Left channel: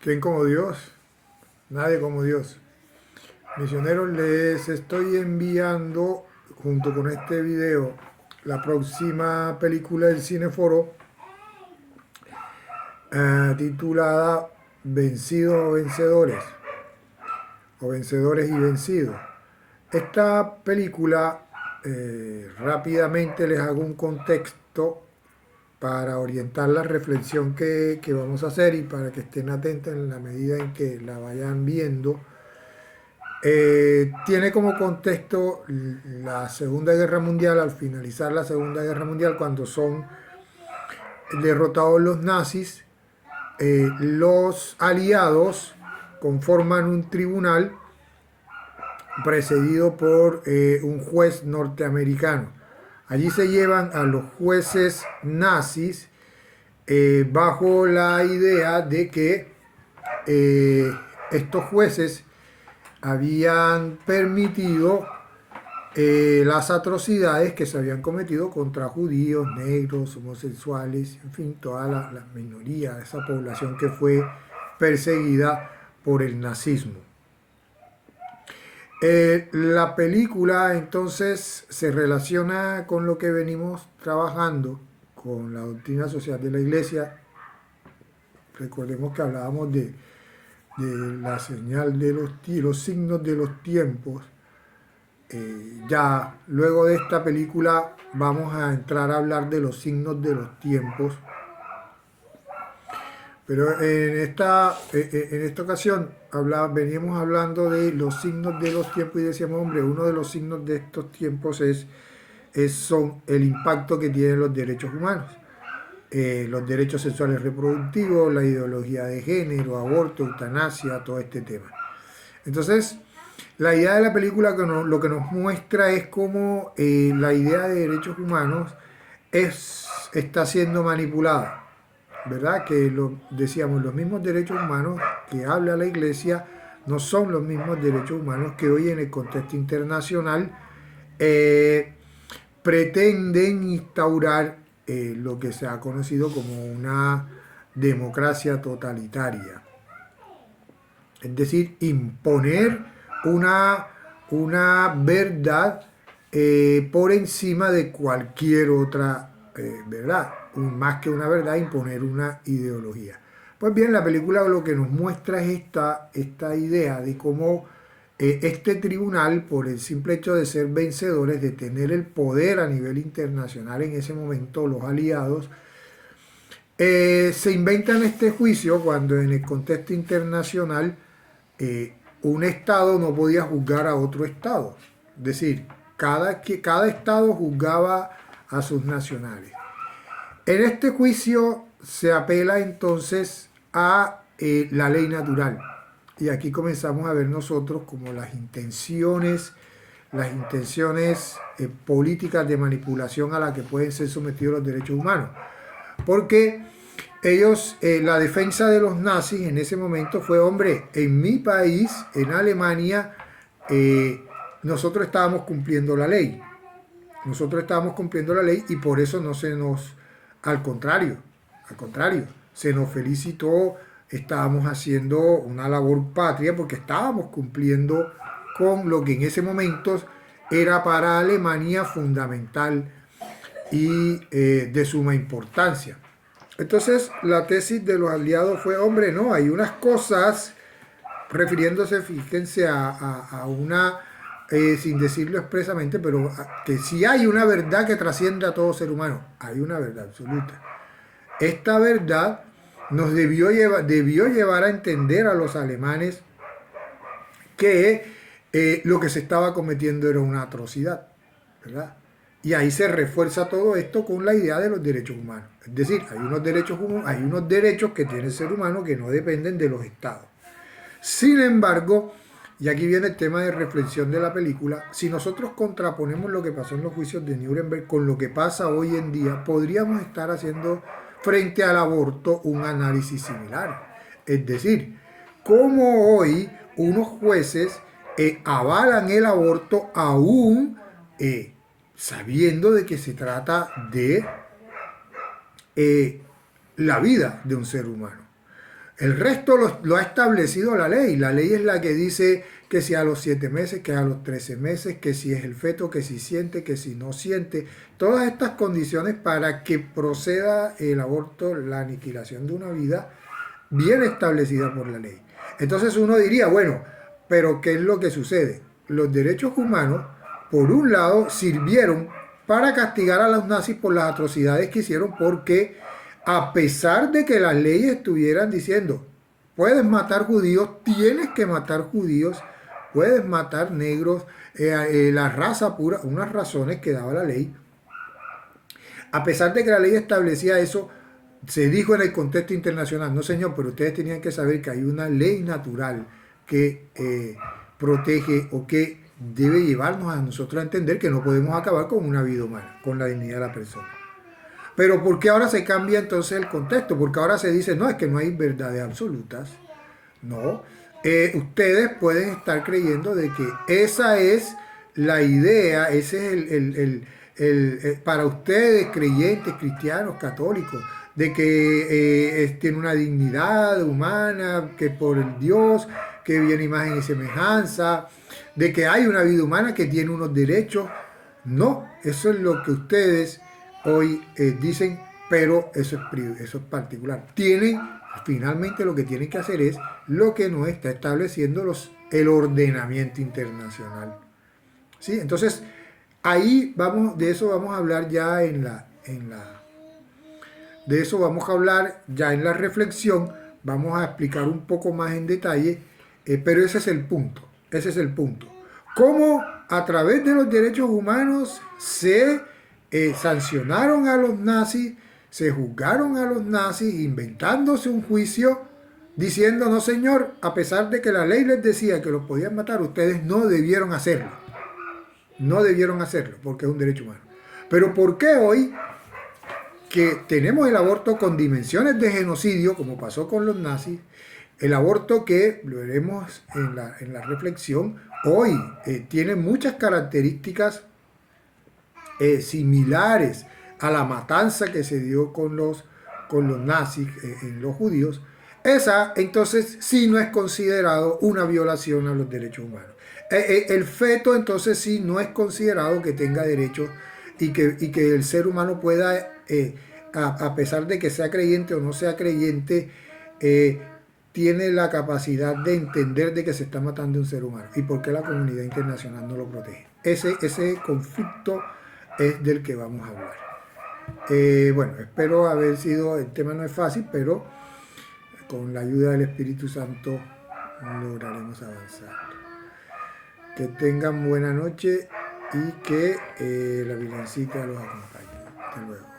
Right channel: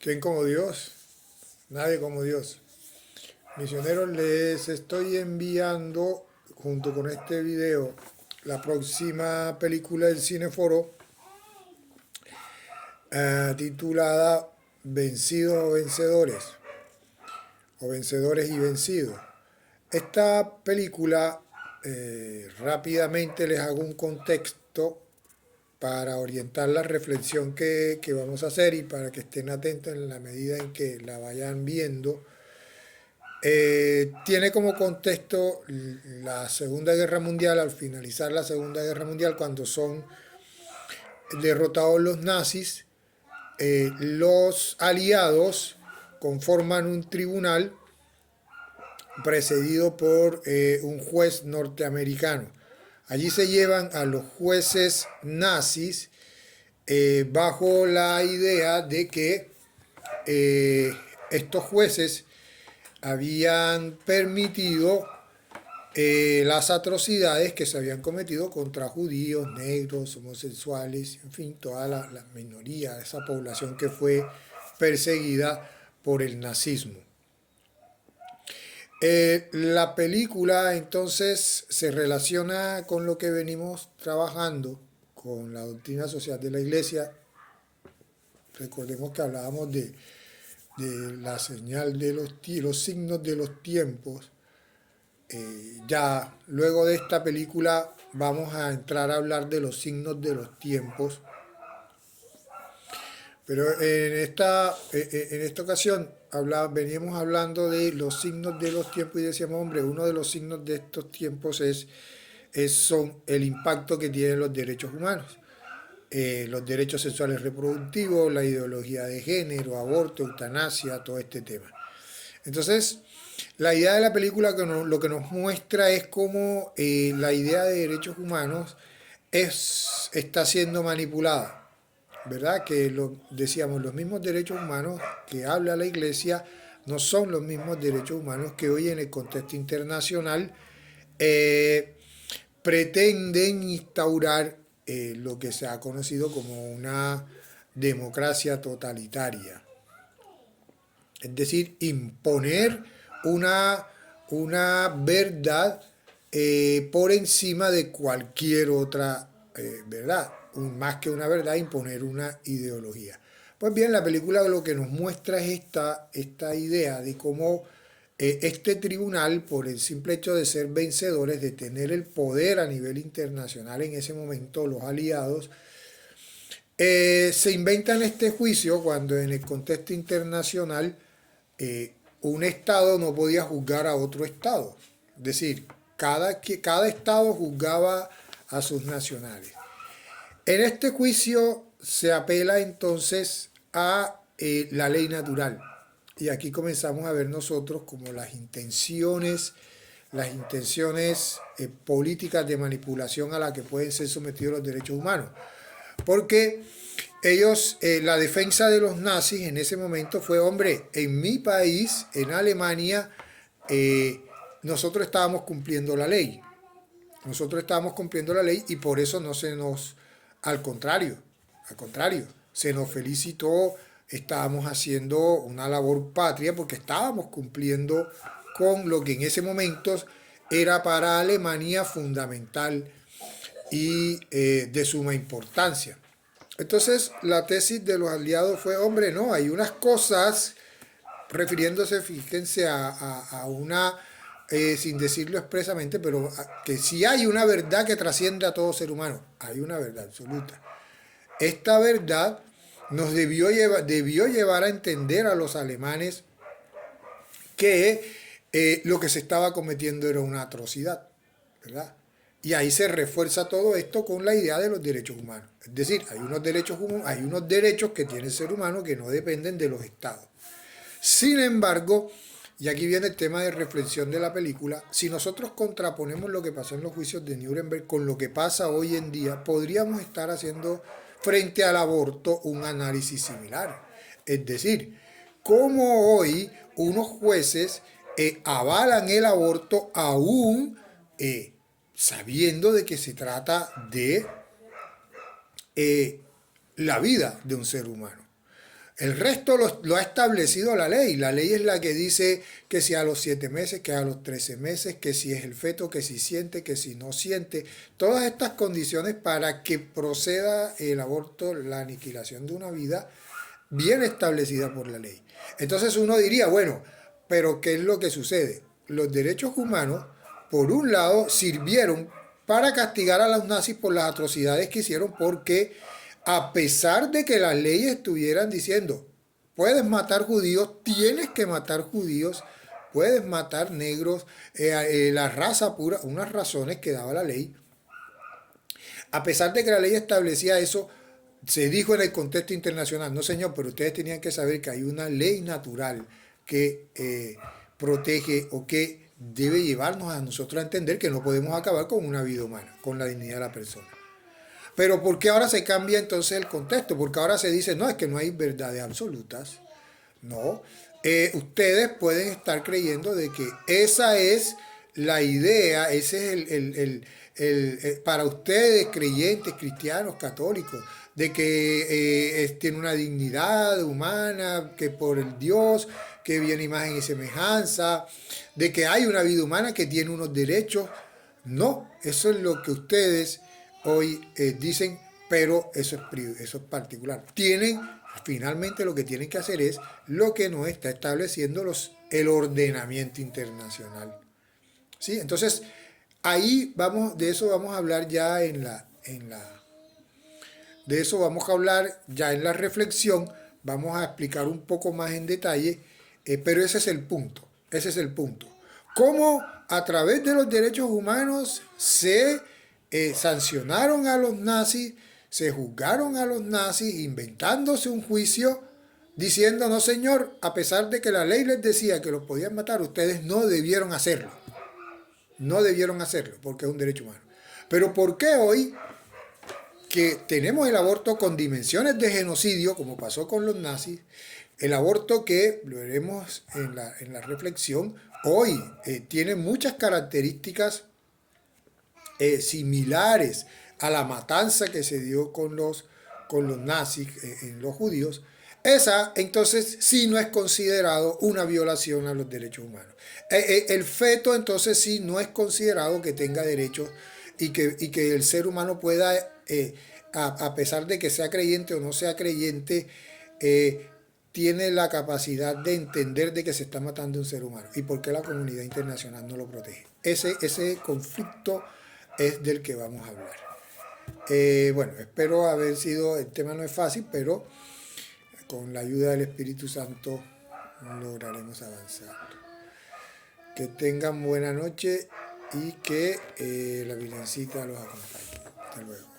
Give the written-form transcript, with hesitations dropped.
¿Quién como Dios? Nadie como Dios. Misioneros, les estoy enviando junto con este video la próxima película del Cineforo titulada Vencidos o Vencedores o Vencedores y Vencidos. Esta película, rápidamente les hago un contexto para orientar la reflexión que vamos a hacer y para que estén atentos en la medida en que la vayan viendo. Tiene como contexto la Segunda Guerra Mundial, al finalizar la Segunda Guerra Mundial, cuando son derrotados los nazis, los aliados conforman un tribunal precedido por un juez norteamericano. Allí se llevan a los jueces nazis bajo la idea de que estos jueces habían permitido las atrocidades que se habían cometido contra judíos, negros, homosexuales, en fin, toda la minoría de esa población que fue perseguida por el nazismo. La película entonces se relaciona con lo que venimos trabajando con la doctrina social de la Iglesia. Recordemos que hablábamos de la señal de los signos de los tiempos. Ya luego de esta película vamos a entrar a hablar de los signos de los tiempos. Pero en esta ocasión veníamos hablando de los signos de los tiempos y decíamos, hombre, uno de los signos de estos tiempos son el impacto que tienen los derechos humanos. Los derechos sexuales reproductivos, la ideología de género, aborto, eutanasia, todo este tema. Entonces, la idea de la película lo que nos muestra es cómo la idea de derechos humanos está siendo manipulada, ¿verdad? Que decíamos, los mismos derechos humanos que habla la Iglesia no son los mismos derechos humanos que hoy en el contexto internacional pretenden instaurar lo que se ha conocido como una democracia totalitaria. Es decir, imponer una verdad por encima de cualquier otra verdad. Más que una verdad, imponer una ideología. Pues bien, la película lo que nos muestra es esta idea de cómo este tribunal, por el simple hecho de ser vencedores, de tener el poder a nivel internacional en ese momento, los aliados, se inventan este juicio cuando en el contexto internacional un Estado no podía juzgar a otro Estado. Es decir, cada Estado juzgaba a sus nacionales. En este juicio se apela entonces a la ley natural. Y aquí comenzamos a ver nosotros como las intenciones políticas de manipulación a las que pueden ser sometidos los derechos humanos. Porque ellos, la defensa de los nazis en ese momento fue, hombre, en mi país, en Alemania, nosotros estábamos cumpliendo la ley. Nosotros estábamos cumpliendo la ley y por eso no se nos, al contrario, se nos felicitó, estábamos haciendo una labor patria porque estábamos cumpliendo con lo que en ese momento era para Alemania fundamental y de suma importancia. Entonces la tesis de los aliados fue, hombre, no, hay unas cosas, refiriéndose, fíjense, a una, sin decirlo expresamente, pero que si hay una verdad que trasciende a todo ser humano, hay una verdad absoluta. Esta verdad nos debió llevar a entender a los alemanes que lo que se estaba cometiendo era una atrocidad, ¿verdad? Y ahí se refuerza todo esto con la idea de los derechos humanos. Es decir, hay unos derechos que tiene el ser humano que no dependen de los estados. Sin embargo, y aquí viene el tema de reflexión de la película, si nosotros contraponemos lo que pasó en los juicios de Nuremberg con lo que pasa hoy en día, podríamos estar haciendo frente al aborto un análisis similar. Es decir, cómo hoy unos jueces avalan el aborto aún sabiendo de que se trata de la vida de un ser humano. El resto lo ha establecido la ley. La ley es la que dice que si a los 7 meses, que a los 13 meses, que si es el feto, que si siente, que si no siente. Todas estas condiciones para que proceda el aborto, la aniquilación de una vida, bien establecida por la ley. Entonces uno diría, bueno, pero ¿qué es lo que sucede? Los derechos humanos, por un lado, sirvieron para castigar a los nazis por las atrocidades que hicieron, porque a pesar de que las leyes estuvieran diciendo, puedes matar judíos, tienes que matar judíos, puedes matar negros, la raza pura, unas razones que daba la ley, a pesar de que la ley establecía eso, se dijo en el contexto internacional, no señor, pero ustedes tenían que saber que hay una ley natural que protege o que debe llevarnos a nosotros a entender que no podemos acabar con una vida humana, con la dignidad de la persona. Pero ¿por qué ahora se cambia entonces el contexto? Porque ahora se dice, no, es que no hay verdades absolutas. No. Ustedes pueden estar creyendo de que esa es la idea, ese es para ustedes, creyentes, cristianos, católicos, de que tiene una dignidad humana, que por el Dios, que viene imagen y semejanza, de que hay una vida humana que tiene unos derechos. No, eso es lo que ustedes hoy dicen, pero eso es particular. Finalmente lo que tienen que hacer es lo que no está estableciendo el ordenamiento internacional. ¿Sí? Entonces, ahí de eso vamos a hablar ya de eso vamos a hablar ya en la reflexión, vamos a explicar un poco más en detalle, pero ese es el punto, Cómo a través de los derechos humanos se sancionaron a los nazis, se juzgaron a los nazis, inventándose un juicio, diciendo, no señor, a pesar de que la ley les decía que los podían matar, ustedes no debieron hacerlo. No debieron hacerlo, porque es un derecho humano. Pero ¿por qué hoy, que tenemos el aborto con dimensiones de genocidio, como pasó con los nazis, el aborto que, lo veremos en la reflexión, hoy tiene muchas características similares a la matanza que se dio con los nazis en los judíos? Esa entonces sí no es considerado una violación a los derechos humanos. El feto entonces sí no es considerado que tenga derechos y que el ser humano pueda, a pesar de que sea creyente o no sea creyente, tiene la capacidad de entender de que se está matando un ser humano. ¿Y por qué la comunidad internacional no lo protege? Ese conflicto es del que vamos a hablar. Bueno, espero haber sido, el tema no es fácil, pero con la ayuda del Espíritu Santo lograremos avanzar. Que tengan buena noche y que la Virgencita los acompañe. Hasta luego.